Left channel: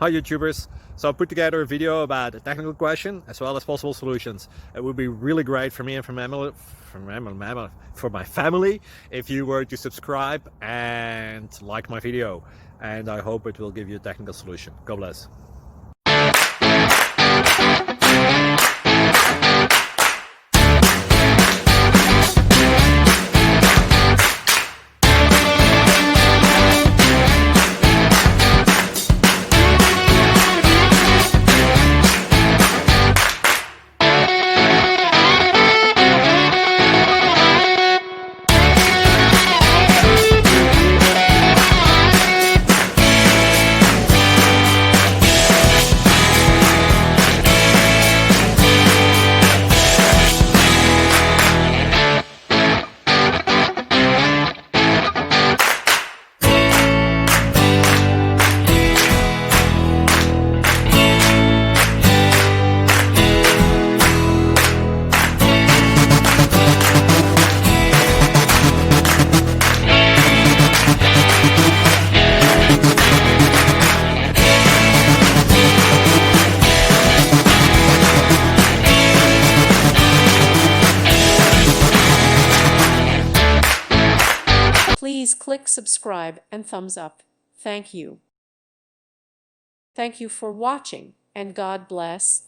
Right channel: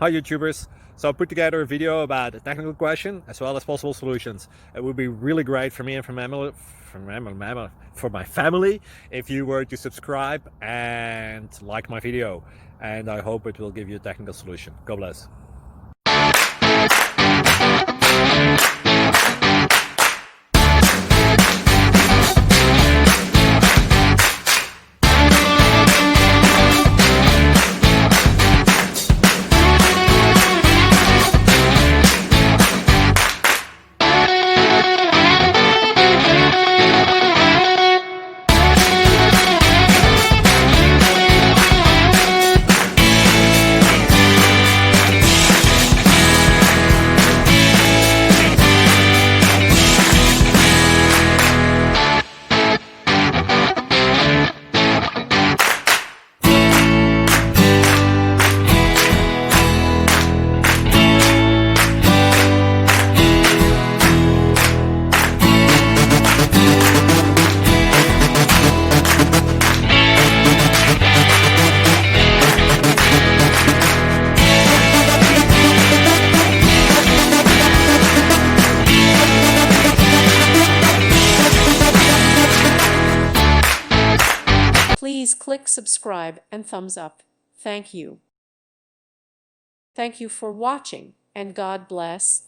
Hi YouTubers! So I put together a video about a technical question as well as possible solutions. It would be really great for me and for my family if you were to subscribe and like my video, and I hope it will give you a technical solution. God bless. Please click subscribe and thumbs up. Thank you. Thank you for watching, and God bless.